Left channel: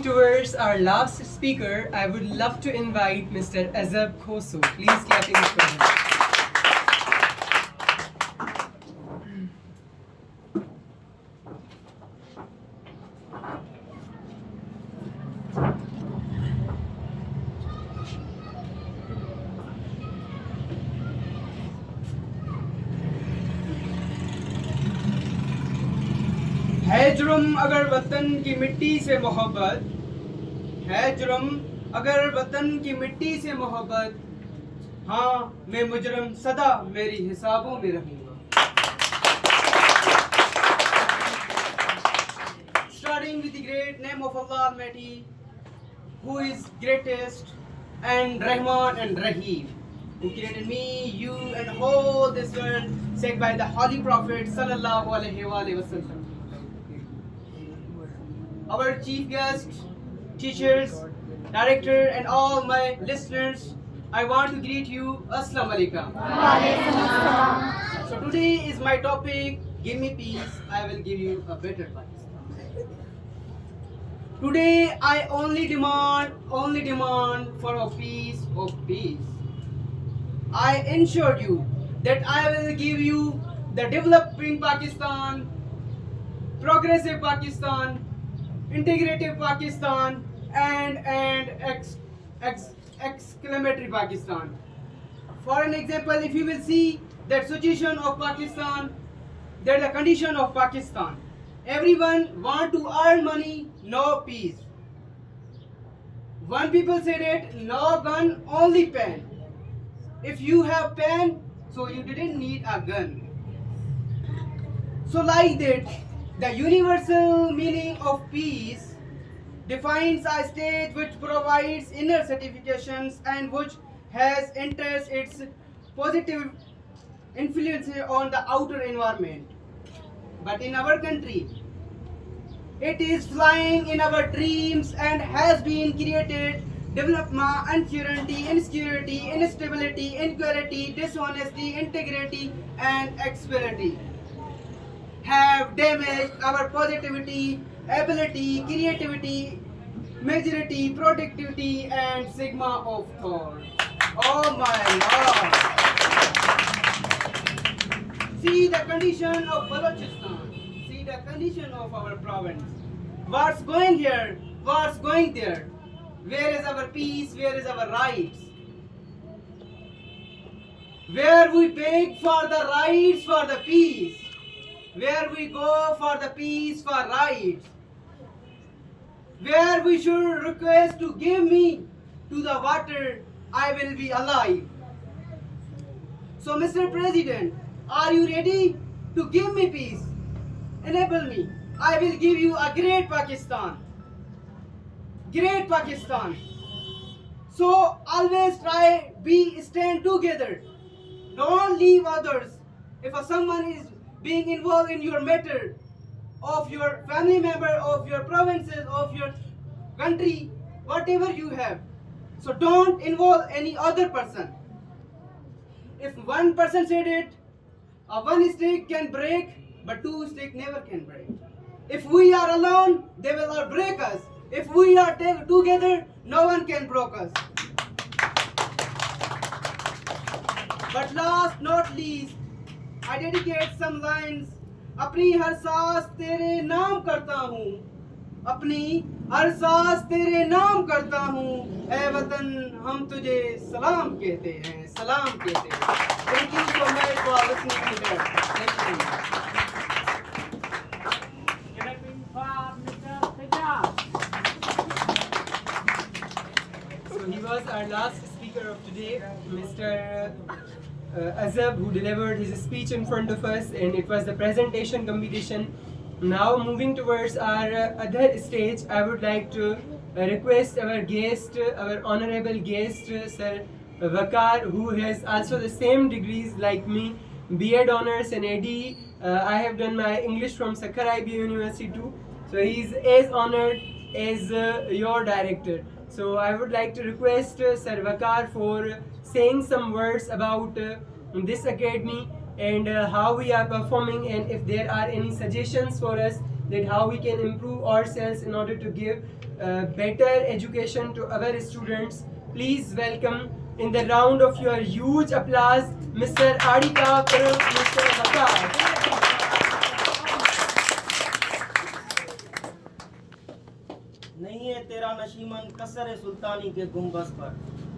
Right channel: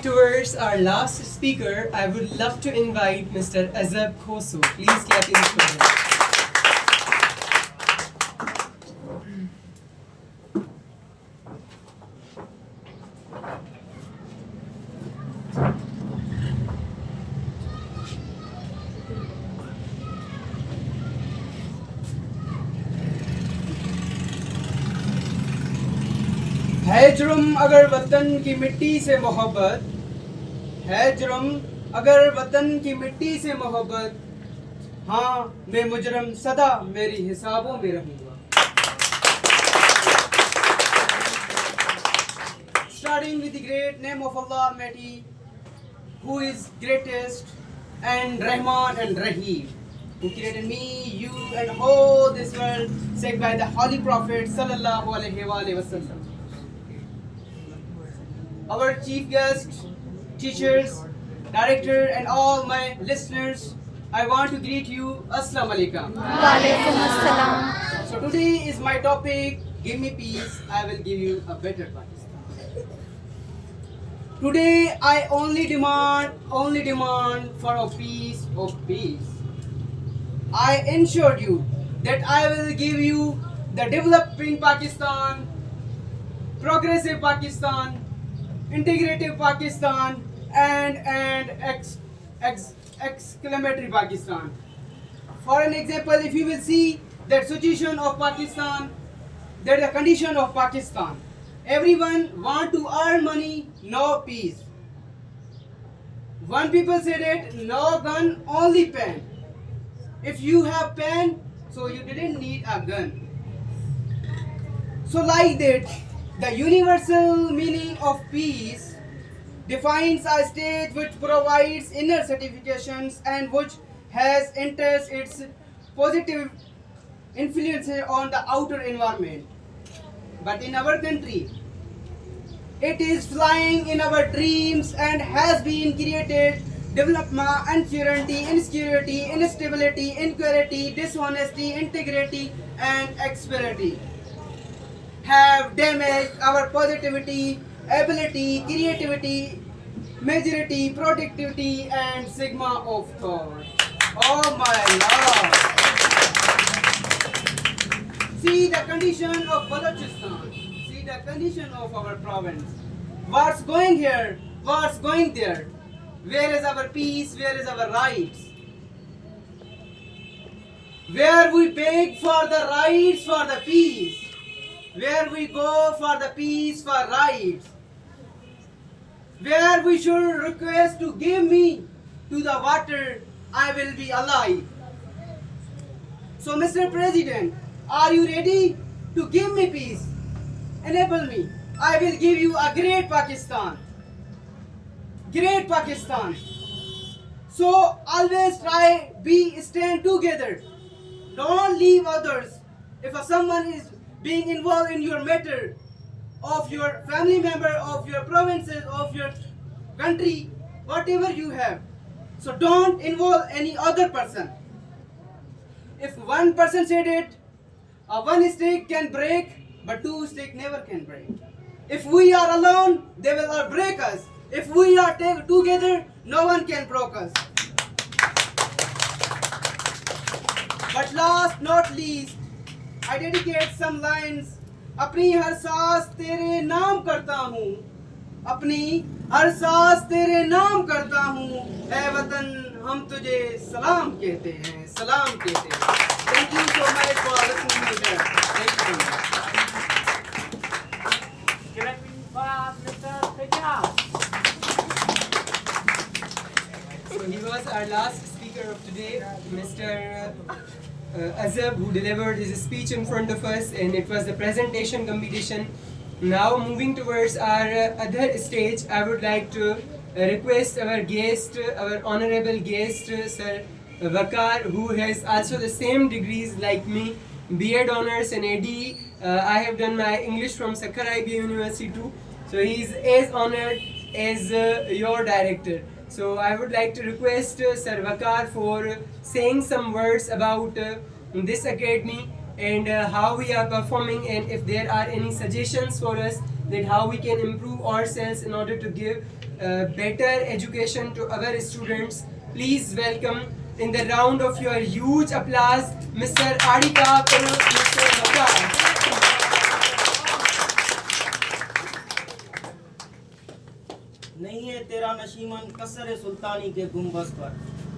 Towards our last speaker, I would love to invite Mr. Azab Khoso. Please clap in for him. है जुर्म अगर वतन की मिट्टी से मोहब्बत, है जुर्म अगर वतन की मिट्टी से मोहब्बत, हाँ मैं मुजरम सदा मेरी हिसाबों में रहूंगा. Starting with the great name of Allah Almighty, who is greatest, and Rahman and Rahim, who created me, you, and whole this world, said by the Holy Prophet Sallallahu Alaihi Wasallam. Our chief guests, teachers, director, and all my listeners, I want to greet you. Assalamu alaikum. So today is my topic. Give me peace. I will give you a better Pakistan. Today I only demand for a peace of peace. I ensure you that I will give you the developing Pakistan, progressive Pakistan, integrative Pakistan, and exclamatory Pakistan. For an example, if you will see that situation of Pakistan, that the condition of Pakistan, everyone want to earn money, no peace. One people said it, no gun, only pen. If you have pen, so you didn't need a gun. So like that, the universal meaning of peace defines a state which provides inner certifications and which has enters its positive influence on the outer environment. But in our country, it is flying in our dreams and has been created development, uncertainty, insecurity, instability, inequality, dishonesty, integrity, and experience have damaged our positivity, ability, creativity, majority, productivity, and sigma of thought. Oh my Lord! See the condition of Balochistan. See the condition of our province. What's going here? What's going there? Where is our peace? Where is our rights? Where we beg for the rights for the peace. Where we go for the peace, for rights. Where we should request to give me to the water, I will be alive. So Mr. President, are you ready to give me peace? Enable me. I will give you a great Pakistan. Great Pakistan. So always try, stand together. Don't leave others. If someone is being involved in your matter of your family member, of your provinces, of your country, whatever you have. So don't involve any other person. If one person said it, one stick can break, but two stick never can break. If we are alone, they will all break us. If we are together, no one can break us. But last not least, I dedicate some lines. अपनी हर सांस तेरे नाम करता हूँ, अपनी हर सांस तेरे नाम करता हूँ, ऐ वतन हम तुझे सलाम कहते हैं, सलाम कहते हैं. Thank you so much for listening to that. Thank you. Clapping for Mr. Fajaz. So he was our last speaker of today, Mr. Azab, who delivered his speech in front of us, and it was the presentation competition. Now moving towards our other stage, I would like to request our guest, our honorable guest, Sir Vakar, who has also the same degrees like me, B.Ed honors and AD. I have done my English from Sakkara IB University too. So he is as honored as your director. So I would like to request Sir Vakar for saying some words about this academy and how we are performing, and if there are any suggestions for us that how we can improve ourselves in order to give better education to our students. Please welcome in the round of your huge applause, Mr. Adika Karan, Mr. Vakar. नहीं है तेरा नशीमन कसर सुल्तानी के गुंबद पर,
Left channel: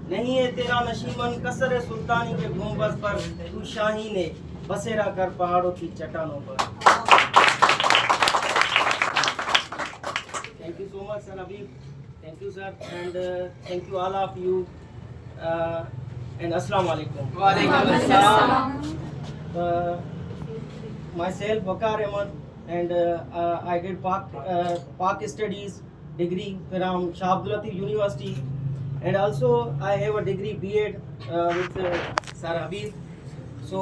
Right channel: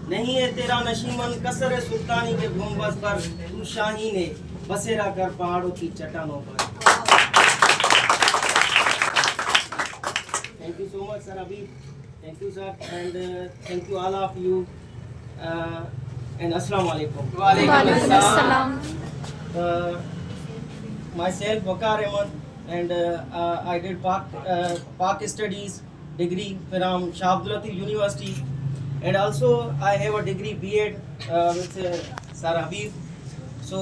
नहीं है तेरा नशीमन कसर सुल्तानी के गुंबद पर, तू शाही ने बसेरा कर पहाड़ों की चट्टानों पर। Thank you so much, Sir Habib. Thank you, sir, and thank you all of you. And Assalamu alaikum. Walaikum assalam. Myself, Vakar Ahmed, and I did Pak Studies degree from Shah Abdul Latif University, and also I have a degree B.Ed with Sir Habib. So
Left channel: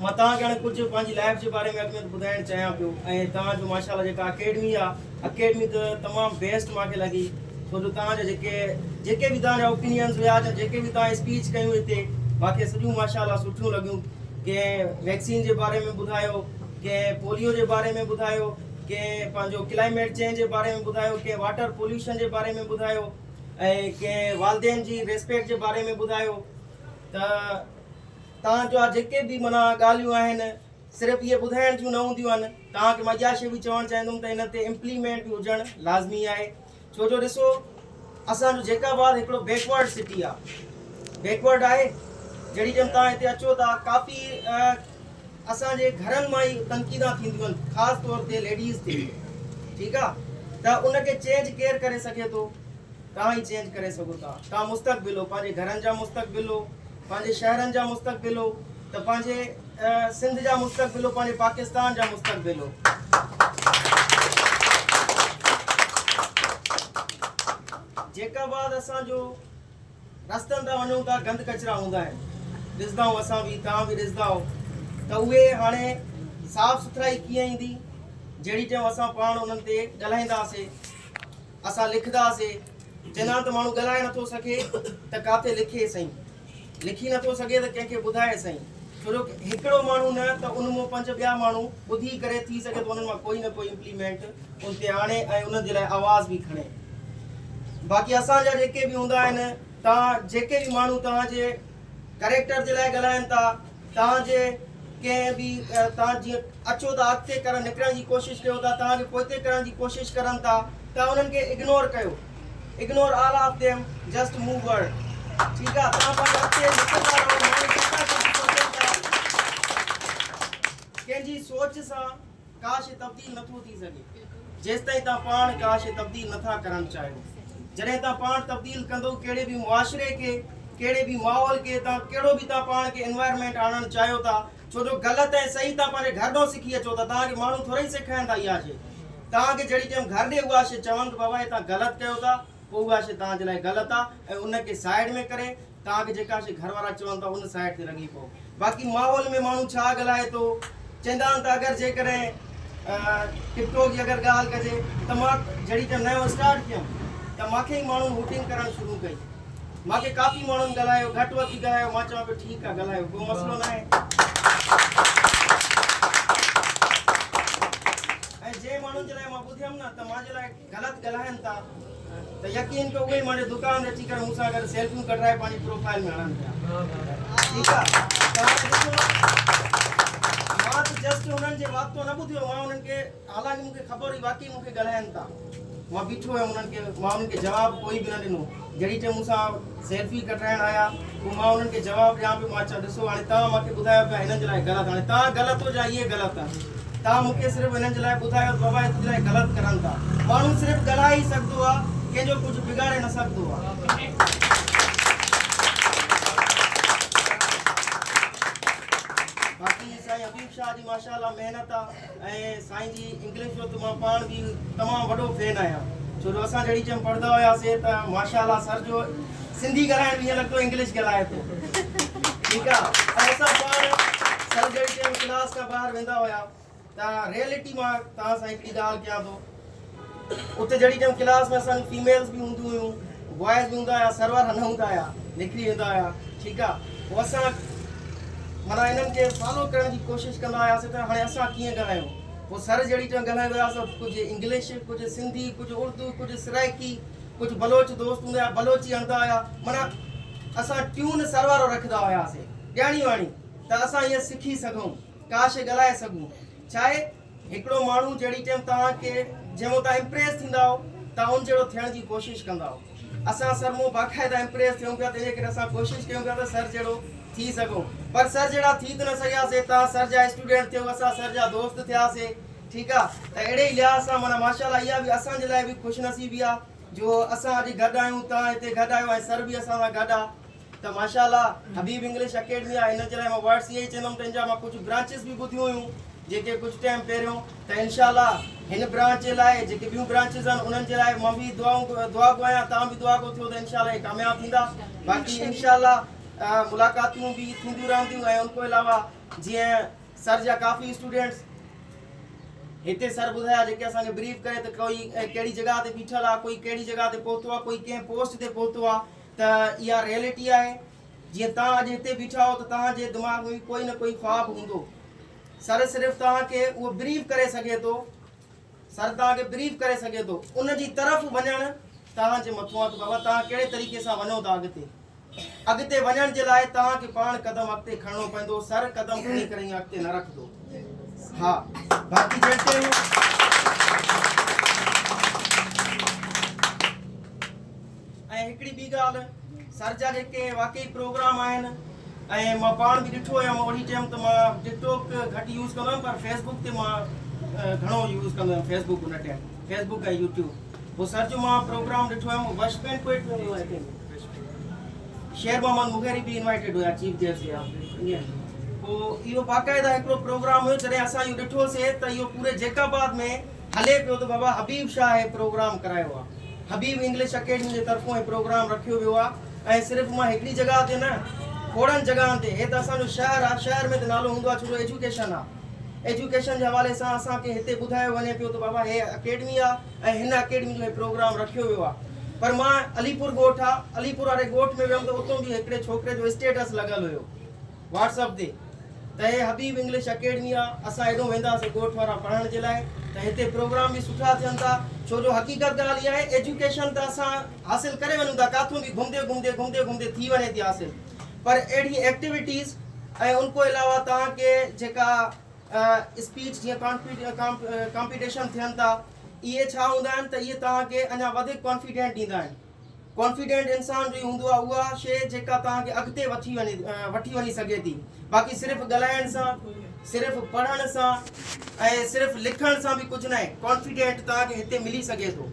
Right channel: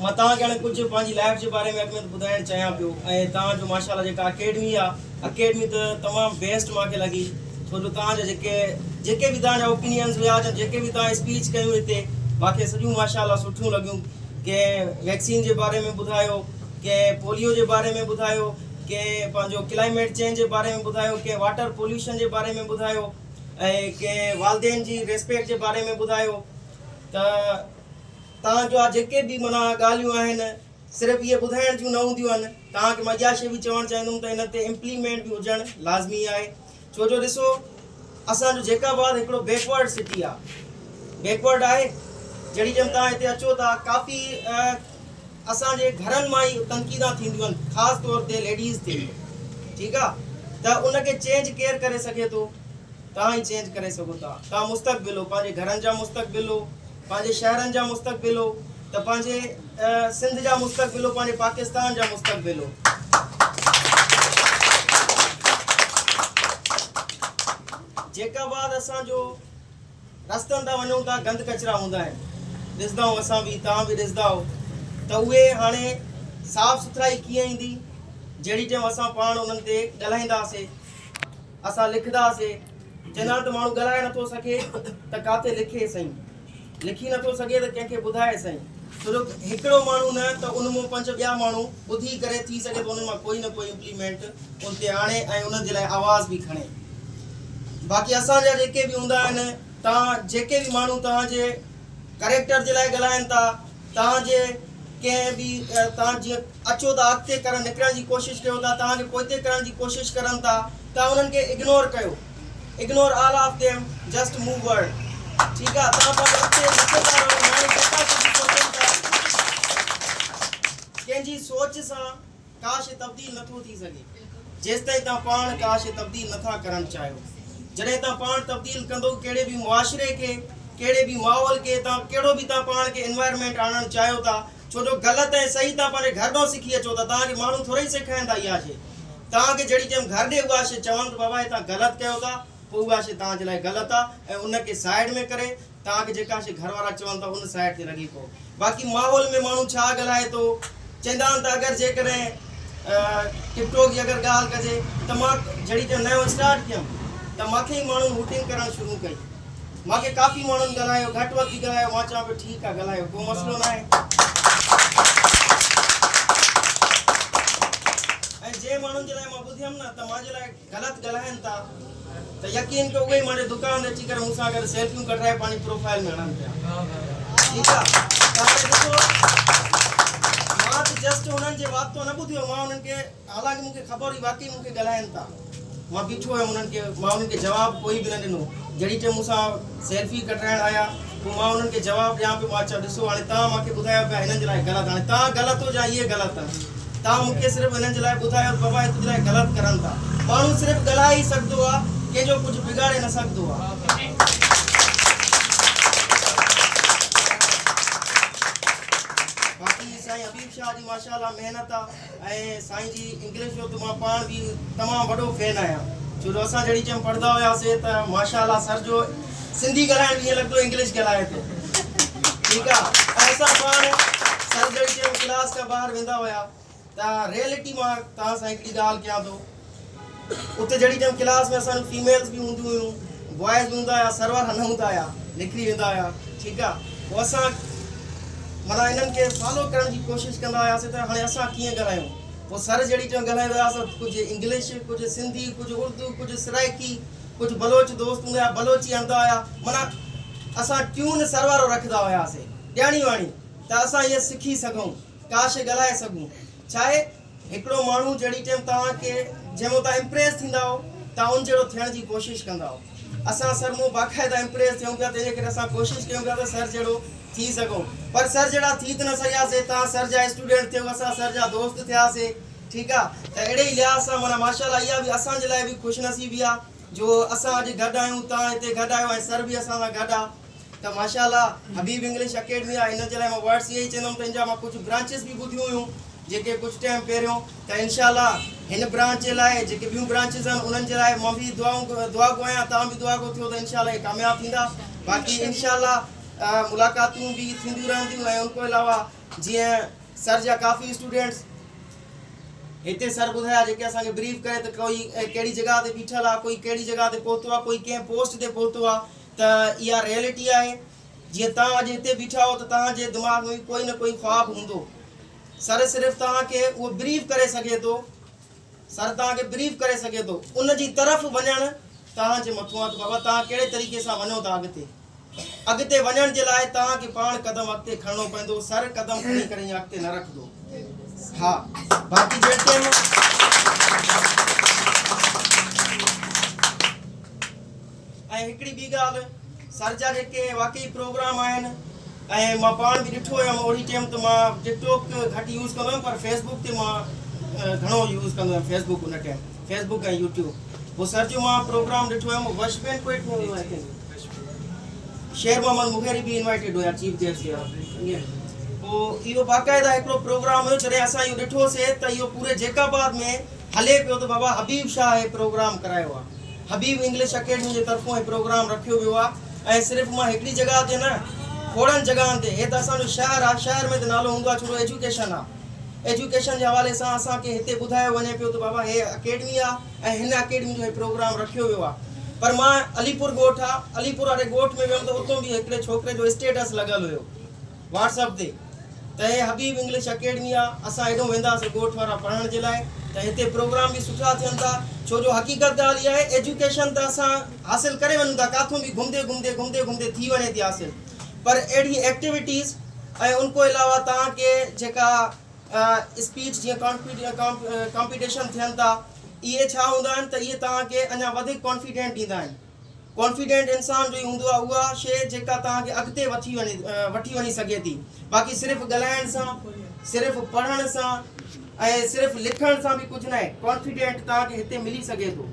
मां तव्हांखे हाणे कुझु पंहिंजी लाइफ जे बारे में अॻु में ॿुधाइणु चाहियां पियो ऐं तव्हां जो माशाल्लाह जेका अकेडमी आहे अकेडमी त तमामु बेस्ट मूंखे लॻी छो जो तव्हांजा जेके बि तव्हांजा ओपिनियंस हुया या जेके बि तव्हां स्पीच कयूं हिते मूंखे सॼियूं माशाल्लाह सुठियूं लॻियूं। कंहिं वैक्सीन जे बारे में ॿुधायो, कंहिं पोलियो जे बारे में ॿुधायो, कंहिं पंहिंजो क्लाइमेट चेंज जे बारे में ॿुधायो, कंहिं वाटर पोल्यूशन जे बारे में ॿुधायो ऐं कंहिं वालदेन जी रिस्पेक्ट जे बारे में ॿुधायो। त तव्हांजो जेके बि माना ॻाल्हियूं आहिनि सिर्फ़ु इहे ॿुधाइण जूं न हूंदियूं आहिनि, तव्हांखे मां इहा शइ बि चवणु चाहींदुमि त हिन ते इम्प्लीमेंट बि हुजणु लाज़मी आहे। छो जो ॾिसो असांजो जेकाबाद हिकिड़ो बैकवर्ड सिटी आहे, बैकवर्ड आहे। जॾहिं जंहिं तव्हां हिते अचो था काफ़ी असांजे घरनि मां ई तनक़ीदा थींदियूं आहिनि, ख़ासि तौर ते लेडीज़ ते, ठीकु आहे। त उनखे चेंज केरु करे सघे थो? तव्हां ई चेंज करे सघो था। तव्हां मुस्तक़बिल हो, पंहिंजे घरनि जा मुस्तक़बिल हो, पंहिंजे शहरनि जा मुस्तक़बिल हो, त पंहिंजे सिंध जा मुस्तक़बिल हो, पंहिंजे पाकिस्तान जा मुस्तक़बिल हो। जेका बाद असांजो रस्तनि तां वञूं था गंद कचिरा हूंदा आहिनि, ॾिसंदा आहियूं असां बि, तव्हां बि ॾिसंदा आहियो, त उहे हाणे साफ़ सुथराई कीअं ईंदी? जहिड़ी टाइम असां पाण उन्हनि ते ॻाल्हाईंदासीं, असां लिखंदासीं। चवंदा त माण्हू ॻाल्हाए नथो सघे त काथे लिखे सही, लिखी नथो सघे त कंहिंखे ॿुधाए सही। छो जो हिकिड़ो माण्हू न त उन मां 5 ॿिया माण्हू ॿुधी करे थी सघे त उन्हनि मां कोई न कोई इम्प्लीमेंट उन ते आणे ऐं उन्हनि जे लाइ आवाज़ बि खणे। बाक़ी असांजा जेके बि हूंदा आहिनि, तव्हां जेके बि माण्हू तव्हांजे करेक्टर जे लाइ ॻाल्हाइनि था, तव्हांजे कंहिं बि तव्हां जीअं अचो था अॻिते करणु निकिरण जी कोशिशि कयो था, तव्हांखे पोइते करण जी कोशिशि करनि था, तव्हां उन्हनि खे इग्नोर कयो। Ignore all of them, just move word, ठीकु आहे। तव्हां पंहिंजे अॻिते लिखंदा रहो, माण्हू केतिरा कुझु सोचनि था, कंहिंजी सोच सां का शइ तब्दील नथो थी सघे जेसि ताईं तव्हां पाण का शइ तब्दील नथा करणु चाहियो। जॾहिं तव्हां पाण तब्दील कंदो कहिड़े बि मुआशिरे खे, कहिड़े बि माहौल खे, तव्हां कहिड़ो बि तव्हां पाण खे एनवायरमेंट आणणु चाहियो था, छो जो ग़लति ऐं सही तव्हां पंहिंजे घर ॾों सिखी अचो था, तव्हांखे माण्हू थोरा ई सेखारींदा इहा शइ। तव्हांखे जहिड़ी टाइम घर ॾे उहा शइ चवनि त बाबा हे तव्हां ग़लति कयो था, पोइ उहा शइ तव्हांजे लाइ ग़लति आहे ऐं उनखे साइड में करे तव्हांखे जेका शइ घर वारा चवनि था उन साइड ते लॻी पओ। बाक़ी माहौल में माण्हू छा ॻाल्हाए थो, चवंदा आहिनि त अगरि जेकॾहिं टिकटॉक जी अगरि ॻाल्हि कजे त मां जहिड़ी टाइम नयो स्टार्ट कयुमि त मूंखे ई माण्हुनि वोटिंग करणु शुरू कई। मूंखे काफ़ी माण्हुनि ॻाल्हायो, घटि वधि बि ॻाल्हायो, मां चवां पियो ठीकु आहे ॻाल्हायो, को मसइलो न आहे। ऐं जंहिं माण्हुनि जे लाइ मां ॿुधियमि न त मुंहिंजे लाइ ग़लति ॻाल्हाइनि था त यकीन कयो उहे मुंहिंजे दुकान ते अची करे मूंसां गॾु सेल्फियूं कढाए पंहिंजी प्रोफाइल में हणनि पिया, ठीकु आहे। त हाणे ॾिसो मां त जस्ट उन्हनि जे वाक़ितो न ॿुधियो, मां उन्हनि खे हालांकि मूंखे ख़बर हुई वाक़ई मूंखे ॻाल्हाइनि था, मां बीठो हुयमि उन्हनि खे, मां उन्हनि खे जवाबु कोई बि न ॾिनो। जहिड़ी टाइम मूंसां सेल्फी कढाइण आया पोइ मां उन्हनि खे जवाबु ॾियां पियो, मां चयो ॾिसो हाणे तव्हां मूंखे ॿुधायो पिया हिननि जे लाइ ग़लति, हाणे तव्हां ग़लति हो या इहे ग़लति आहे, तव्हां मूंखे सिर्फ़ु हिननि जे लाइ ॿुधायो बाबा हे तुंहिंजे लाइ ग़लति करनि था। माण्हू सिर्फ़ु ॻाल्हाए ई सघंदो आहे, कंहिंजो कुझु बिगाड़े न सघंदो आहे। बाक़ी साईं हबीब शाह जी माशाल्लाह महिनत आहे ऐं साईं जी इंग्लिश जो त मां पाण बि तमामु वॾो फैन आहियां, छो जो असां जहिड़ी टाइम पढ़ंदा हुआसीं त माशाल्लाह सर जो सिंधी ॻाल्हाइण ईअं लॻंदो इंग्लिश ॻाल्हाए थो, ठीकु आहे। ऐं असां पाण सर जहिड़ी टाइम क्लास खां ॿाहिरि वेंदा हुआ त रियलिटी मां तव्हां सां हिकिड़ी ॻाल्हि कयां थो, उते जहिड़ी टाइम क्लास में असांजूं फीमेल्स बि हूंदियूं हुयूं, बॉइज़ बि हूंदा हुआ, सर्वर न हूंदा हुआ, निकिरी वेंदा हुआ, ठीकु आहे। पोइ असां माना इन्हनि खे फॉलो करण जी कोशिशि कंदा हुआसीं त हाणे असां कीअं ॻाल्हायूं, पोइ सर जहिड़ी टाइम ॻाल्हाए वियासीं कुझु इंग्लिश कुझु सिंधी कुझु उर्दू कुझु सराइकी कुझु बलोच दोस्त हूंदा हुआ बलोची हणंदा हुआ माना असां ट्यून सर वारो रखंदा हुआसीं ॼाणी वाणी त असां ईअं सिखी सघूं का शइ ॻाल्हाए सघूं छा आहे हिकिड़ो माण्हू जहिड़ी टाइम तव्हांखे जंहिंमें तव्हां इम्प्रेस थींदा हो तव्हां उन जहिड़ो थियण जी कोशिशि कंदा हो असां सर मूं बाक़ाइदा इम्प्रेस थियूं पिया तंहिंजे करे असां कोशिशि कयूं पिया त सर जहिड़ो थी सघूं पर सर जहिड़ा थी त न सघियासीं तव्हां सर जा स्टूडेंट थियो असां सर जा दोस्त थियासीं ठीकु आहे त अहिड़े ई लिहाज़ सां माना माशाल्लाह इहा बि असांजे लाइ बि ख़ुशनसीबी आहे जो असां अॼु गॾु आहियूं तव्हां हिते गॾु आहियो ऐं सर बि असां सां गॾु आहे त माशाल्लाह हबीब इंग्लिश अकेडमी आहे हिन जे लाइ मां वर्ड्स इहे ई चवंदुमि त हिन जा मां कुझु ब्रांचिस बि ॿुधियूं हुयूं जेके कुझु टाइम पहिरियों त इनशाला हिन ब्रांच जे लाइ जेके ॿियूं ब्रांचिस आहिनि उन्हनि जे लाइ मां बि दुआ गो आहियां तव्हां बि दुआ गो थियो त इनशाला हे कामयाबु थींदा बाक़ी इनशाला मुलाक़ातूं बि थींदियूं रहंदियूं ऐं उनखां अलावा जीअं सर जा काफ़ी स्टूडेंट्स हिते सर ॿुधाया जेके असांखे ब्रीफ करे त कोई कहिड़ी जॻह ते बीठल आहे कोई कहिड़ी जॻह ते पहुतो आहे कोई कंहिं पोस्ट ते पहुतो आहे त इहा रियलिटी आहे जीअं तव्हां अॼु हिते बीठा हो त तव्हांजे दिमाग़ में कोई न कोई ख्वाबु हूंदो सर सिर्फ़ु तव्हांखे उहो ब्रीफ करे सघे थो सर तव्हांखे ब्रीफ करे सघे थो उन जी तरफ़ वञणु तव्हांजे मथां आहे त बाबा तव्हां कहिड़े तरीक़े सां वञो था अॻिते वञण जे लाइ तव्हांखे पाण क़दम अॻिते खणणो पवंदो सर क़दम खणी करे ईअं अॻिते न रखंदो हा बाक़ी जेके ऐं हिकिड़ी ॿी ॻाल्हि सर जा जेके वाक़ई प्रोग्राम आहिनि ऐं मां पाण बि ॾिठो हुयुमि ओड़ी टाइम त मां टिकटॉक घटि यूज़ कंदो हुयुमि पर फेसबुक ते मां घणो यूज़ कंदो हुयुमि फेसबुक उन टाइम फेसबुक ऐं यूट्यूब पोइ सर जो मां प्रोग्राम ॾिठो हुयुमि वशमैन कोई शेर मोहम्मद मुगेरी भी इनवाइटेड हुआ चीफ गेस्ट या पोइ इहो बाक़ाइदा हिकिड़ो प्रोग्राम हुयो जॾहिं असां इहो ॾिठोसीं त इहो पूरे जैकाबाद में हले पियो त बाबा हबीब शाह हे प्रोग्राम करायो आहे हबीब इंग्लिश अकेडमी जे तरफ़ां हे प्रोग्राम रखियो वियो आहे ऐं सिर्फ़ु मां हिकिड़ी जॻह ते न खोड़नि जॻहनि ते हे त असांजो शहर आहे शहर में त नालो हूंदो आहे छो एजुकेशन आहे एजुकेशन जे हवाले सां असांखे हिते ॿुधायो वञे पियो त बाबा हे अकेडमी आहे ऐं हिन अकेडमी जो हे प्रोग्राम रखियो वियो आहे पर मां अलीपुर ॻोठ आहे अलीपुर वारे ॻोठ में वियुमि त उतां बि हिकिड़े छोकिरे जो स्टेटस लॻल हुयो व्हाट्सअप ते त हे हबीब इंग्लिश अकेडमी आहे असां हेॾो वेंदासीं ॻोठ वारा पढ़ण जे लाइ त हिते प्रोग्राम बि सुठा थियनि था छो जो हक़ीक़त ॻाल्हि इहा आहे एजुकेशन त असां हासिलु करे वञूं था किथां बि घुमंदे थी वञे थी हासिलु पर अहिड़ी एक्टिविटीज़ ऐं उनखां अलावा तव्हांखे जेका स्पीच जीअं कॉम्पिटिशन थियनि था इहे छा हूंदा आहिनि त इहे तव्हांखे अञा वधीक कॉन्फिडेंट ॾींदा आहिनि कॉन्फिडेंट इंसान जो ई हूंदो आहे उहा शइ जेका तव्हांखे अॻिते वठी वञी सघे थी बाक़ी सिर्फ़ु ॻाल्हाइण सां सिर्फ़ु पढ़ण सां ऐं सिर्फ़ु लिखण सां बि कुझु न आहे कॉन्फिडेंट तव्हांखे हिते मिली सघे थो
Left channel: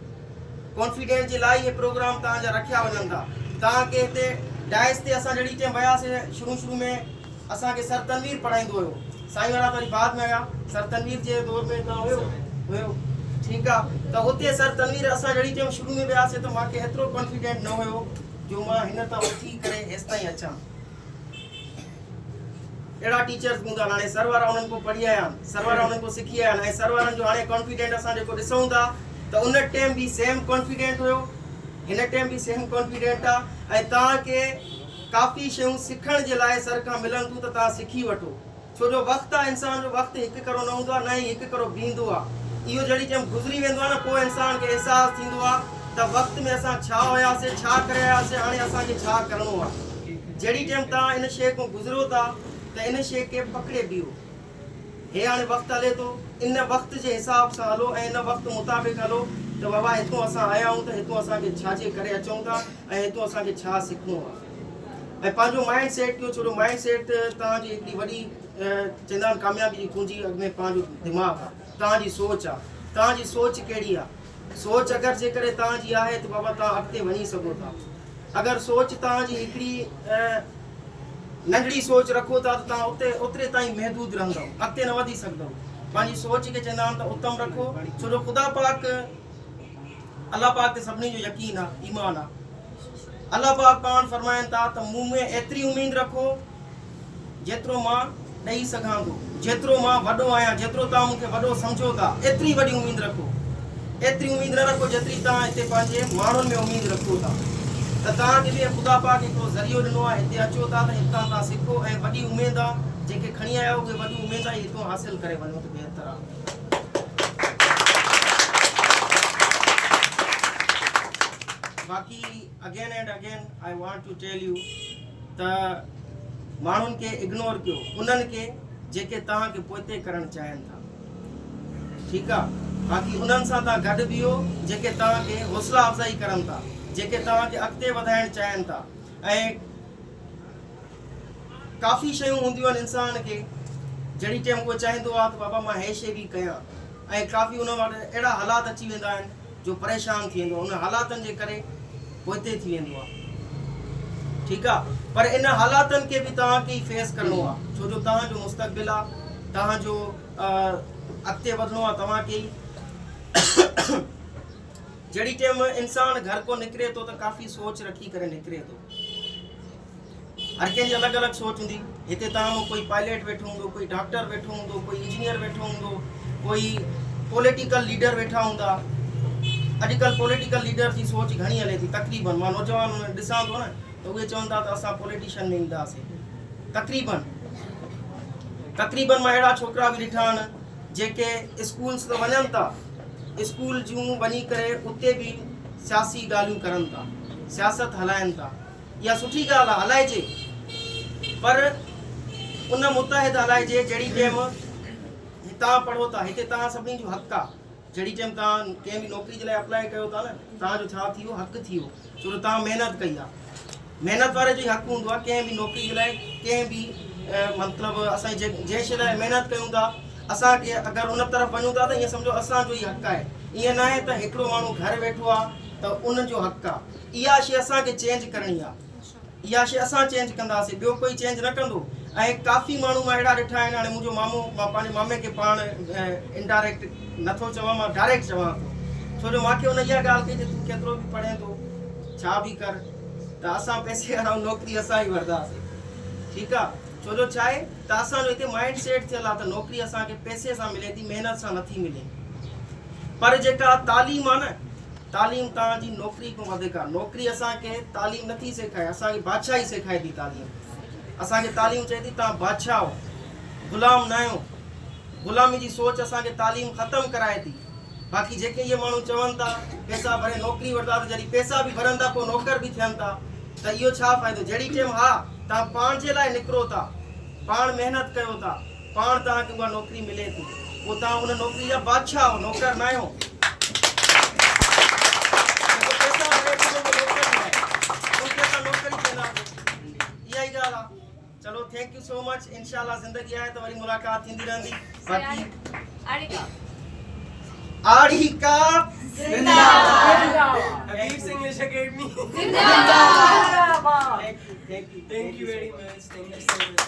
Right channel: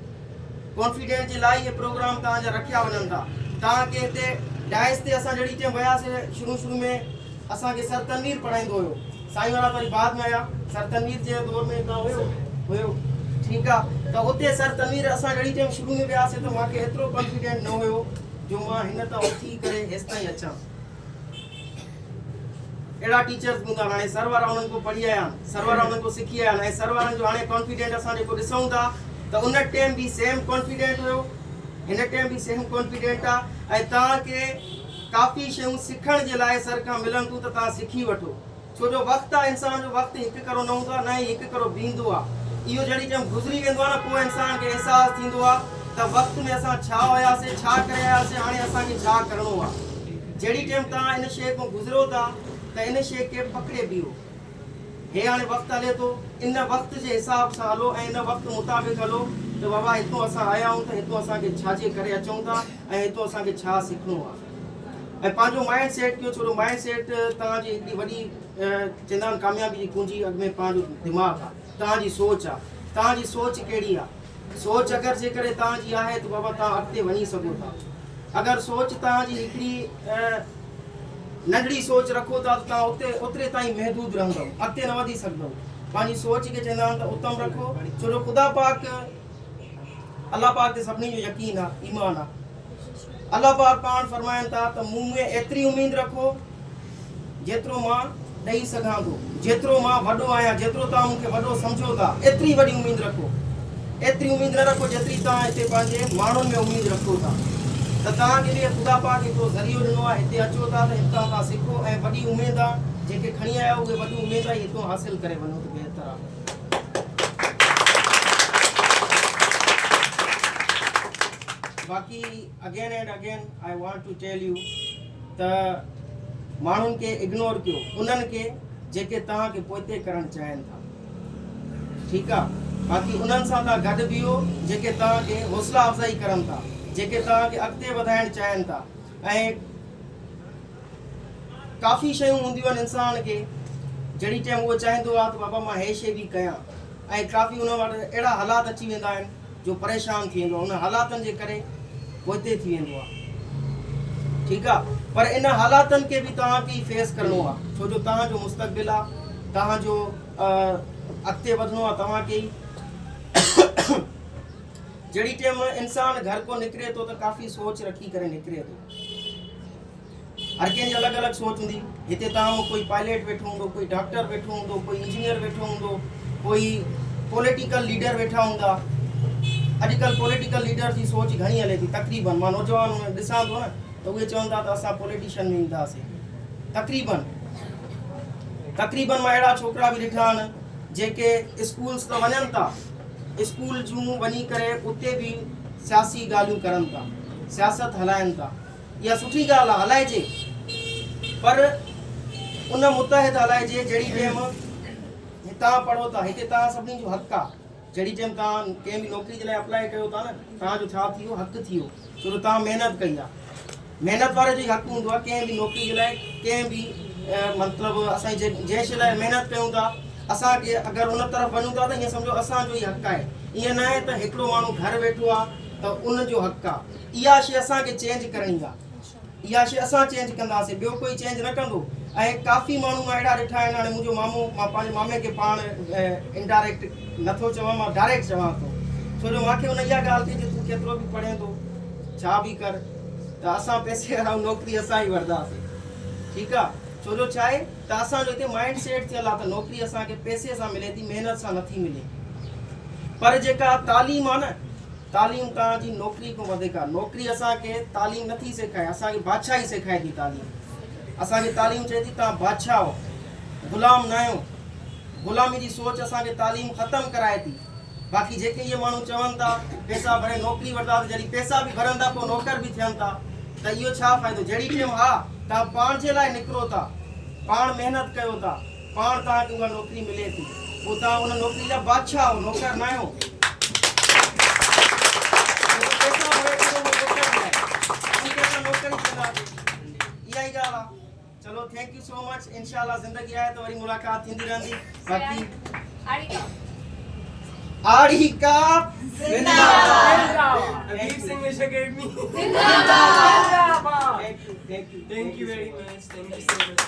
कॉन्फिडेंट जे लाइ इहे प्रोग्राम तव्हांजा रखिया वञनि था तव्हांखे हिते डाइस ते असां जहिड़ी टाइम वियासीं शुरू में असांखे सर तनवीर पढ़ाईंदो हुयो साईं वारा वरी बाद में आया सर तनवीर जे दौर में त हुयो ठीकु आहे त उते सर तनवीर असां जहिड़ी टाइम शुरू में वियासीं त मूंखे एतिरो कॉन्फिडेंट न हुयो जो मां हिन तां उथी करे हेसि ताईं अचां अहिड़ा टीचर्स हूंदा हाणे सर वारा उन्हनि खां पढ़ी आया आहिनि सर वारा उन्हनि खां सिखी आया आहिनि ऐं सर वारनि जो हाणे कॉन्फिडेंट असां जेको ॾिसूं था त उन टाइम बि सेम कॉन्फिडेंट हुयो हिन टाइम बि सेम कॉन्फिडेंट आहे ऐं तव्हांखे काफ़ी शयूं सिखण जे लाइ सर खां मिलनि थियूं त तव्हां सिखी वठो छो जो वक़्तु आहे इंसान जो वक़्तु हिकु करो न हूंदो आहे न ई हिकु करो बीहंदो आहे इहो जहिड़ी टाइम गुज़री वेंदो आहे न पोइ इंसान खे अहसासु थींदो आहे त वक़्त में असां छा हुयासीं छा करे आयासीं हाणे असांखे छा करिणो आहे जहिड़ी टाइम तव्हां इन शइ खां गुज़रो था त इन शइ खे पकिड़े बीहो हे हाणे वक़्तु हले थो इन वक़्त जे हिसाब सां हलो ऐं इन वक़्तु मुताबिक़ हलो त बाबा हितां असां आया आहियूं त हितां असांखे छाजे करे अचूं था ऐं हितां असांखे छा सिखणो आहे ऐं पंहिंजो माइंड सेट कयो छो जो माइंड सेट तव्हांजी हिकिड़ी वॾी चवंदा आहिनि कामयाबी जी कुंजी अॻ में पंहिंजो दिमाग़ आहे तव्हांजी सोच आहे तव्हांजी सोच कहिड़ी आहे सोच अगरि जेकॾहिं तव्हांजी आहे त बाबा तव्हां अॻिते वञी सघो था अगरि सोच तव्हांजी हिकिड़ी नंढड़ी सोच रखो था त तव्हां ओतिरे ताईं महदूद रहंदव अॻिते न वधी सघंदव पंहिंजी सोच खे चवंदा आहिनि त उत्तम रखो छो जो ख़ुदा पाक अलाह पाक ते सभिनी जो यकीन आहे ईमान आहे अलाह पाक पाण फरमाइनि था त मूं में एतिरी उमेद रखो जेतिरो मां ॾेई सघां थो जेतिरो मां वॾो आहियां जेतिरो तव्हां मूंखे वॾो सम्झो था एतिरी वॾी उमेद रखो एतिरी उमेद न रखो जेतिरी तव्हां हिते पंहिंजे माण्हुनि में उमेद रखो था त तव्हांखे बि ख़ुदा पाक हिकिड़ो ज़रियो ॾिनो आहे हिते अचो था त हितां तव्हां सिखो ऐं वॾी उमेद आहे जेके खणी आया उहे वॾी उमेद आहे हितां हासिलु करे वञो त बहितर आहे बाक़ी again and again I want to tell you त माण्हुनि खे इग्नोर कयो उन्हनि खे जेके तव्हांखे पोइते करणु चाहिनि था, ठीकु आहे। बाक़ी उन्हनि सां तव्हां गॾु बीहो जेके तव्हांखे हौसला अफ़ज़ाई करनि था, जेके तव्हांखे अॻिते वधाइणु चाहिनि था। ऐं काफ़ी शयूं हूंदियूं आहिनि इंसान खे जहिड़ी टाइम उहो चाहींदो आहे त बाबा मां हे शइ बि कयां, ऐं काफ़ी उन वटि अहिड़ा हालात अची वेंदा आहिनि जो परेशान थी वेंदो आहे, उन हालातनि जे करे पोइते थी वेंदो आहे, ठीकु आहे। पर इन हालातनि खे बि तव्हांखे ई फेस करिणो आहे, छो जो तव्हांजो मुस्तक़बिल आहे, तव्हांजो अॻिते वधिणो आहे तव्हांखे ई। जहिड़ी टाइम इंसान घर को निकिरे थो त काफ़ी सोच रखी करे निकिरे थो, हर कंहिंजी अलॻि अलॻि सोच हूंदी। हिते तव्हां में कोई पायलट वेठो हूंदो, कोई डॉक्टर वेठो हूंदो, कोई इंजीनियर वेठो हूंदो, कोई पॉलिटिकल लीडर वेठा हूंदा। अॼुकल्ह पॉलिटिकल लीडर जी सोच घणी हले थी, तक़रीबन मां नौजवान ॾिसां थो न त उहे चवंदा त असां पॉलिटिशियन में ईंदासीं। तक़रीबन मां अहिड़ा छोकिरा बि ॾिठा आहिनि जेके स्कूल्स त वञनि था, स्कूल जूं वञी करे उते बि सियासी ॻाल्हियूं करनि था, सियासत हलाइनि था। इहा सुठी ॻाल्हि आहे, हलाइजे, पर उन मुतहद हलाइजे जहिड़ी टाइम तव्हां पढ़ो था, हिते तव्हां सभिनी जो हक़ु आहे। जहिड़ी टाइम तव्हां कंहिं बि नौकिरी जे लाइ अप्लाई कयो था न, तव्हांजो छा थी वियो, हक़ु थी वियो, छो जो तव्हां महिनत कई आहे। महिनत वारे जो ई हक़ु हूंदो आहे कंहिं बि नौकिरी जे लाइ, कंहिं बि मतिलबु असां जंहिं शइ लाइ महिनत कयूं था, असांखे अगरि उन तरफ़ वञूं था त ईअं सम्झो असांजो ई हक़ु आहे। ईअं न आहे त हिकिड़ो माण्हू घर वेठो आहे त उनजो हक़ु आहे। इहा शइ असांखे चेंज करणी आहे, इहा शइ असां चेंज कंदासीं, ॿियो कोई चेंज न कंदो। ऐं काफ़ी माण्हू मां अहिड़ा ॾिठा आहिनि, हाणे मुंहिंजो मामो, मां पंहिंजे मामे खे पाण इनडायरेक्ट नथो चवां, मां डायरेक्ट चवां थो, छो जो मूंखे हुन इहा ॻाल्हि कई त तूं केतिरो बि पढ़े थो, छा बि कर, त असां पैसे वारा नौकिरी असां ई वठंदासीं, ठीकु आहे। छो जो छा आहे त असांजो हिते माइंड सेट थियल आहे त नौकिरी असांखे पैसे सां मिले थी, महिनत सां नथी मिले। पर जेका तालीम आहे न, तालीम तव्हांजी नौकिरी खां वधीक आहे। नौकिरी असांखे तालीम नथी सेखारे, असांखे बादशाही सेखारे थी तालीम। असांखे तालीम चए थी तव्हां बादशाह हो, ग़ुलाम न आहियो। ग़ुलामी जी सोच असांखे तालीम ख़तमु कराए थी। बाक़ी जेके इहे माण्हू चवनि था पैसा भरे नौकिरी वठंदा, त जॾहिं पैसा बि भरनि था पोइ नौकर बि थियनि था, त इहो छा फ़ाइदो। जहिड़ी टाइम हा तव्हां पाण जे लाइ निकिरो था, पाण महिनत कयो था, पाण तव्हांखे उहा नौकिरी मिले थी, पोइ तव्हां उन नौकिरी जा बादशाह हो, नौकर न आहियो। इहा ई ॻाल्हि आहे। चलो थैंक यू सो मच। इंशाल्लाह ज़िंदगी आहे त वरी मुलाक़ात थींदी रहंदी। बाक़ी आड़िका जिंदाबाद। Habib's English Academy. जिंदाबाद। Thank you very much. Thank you so much.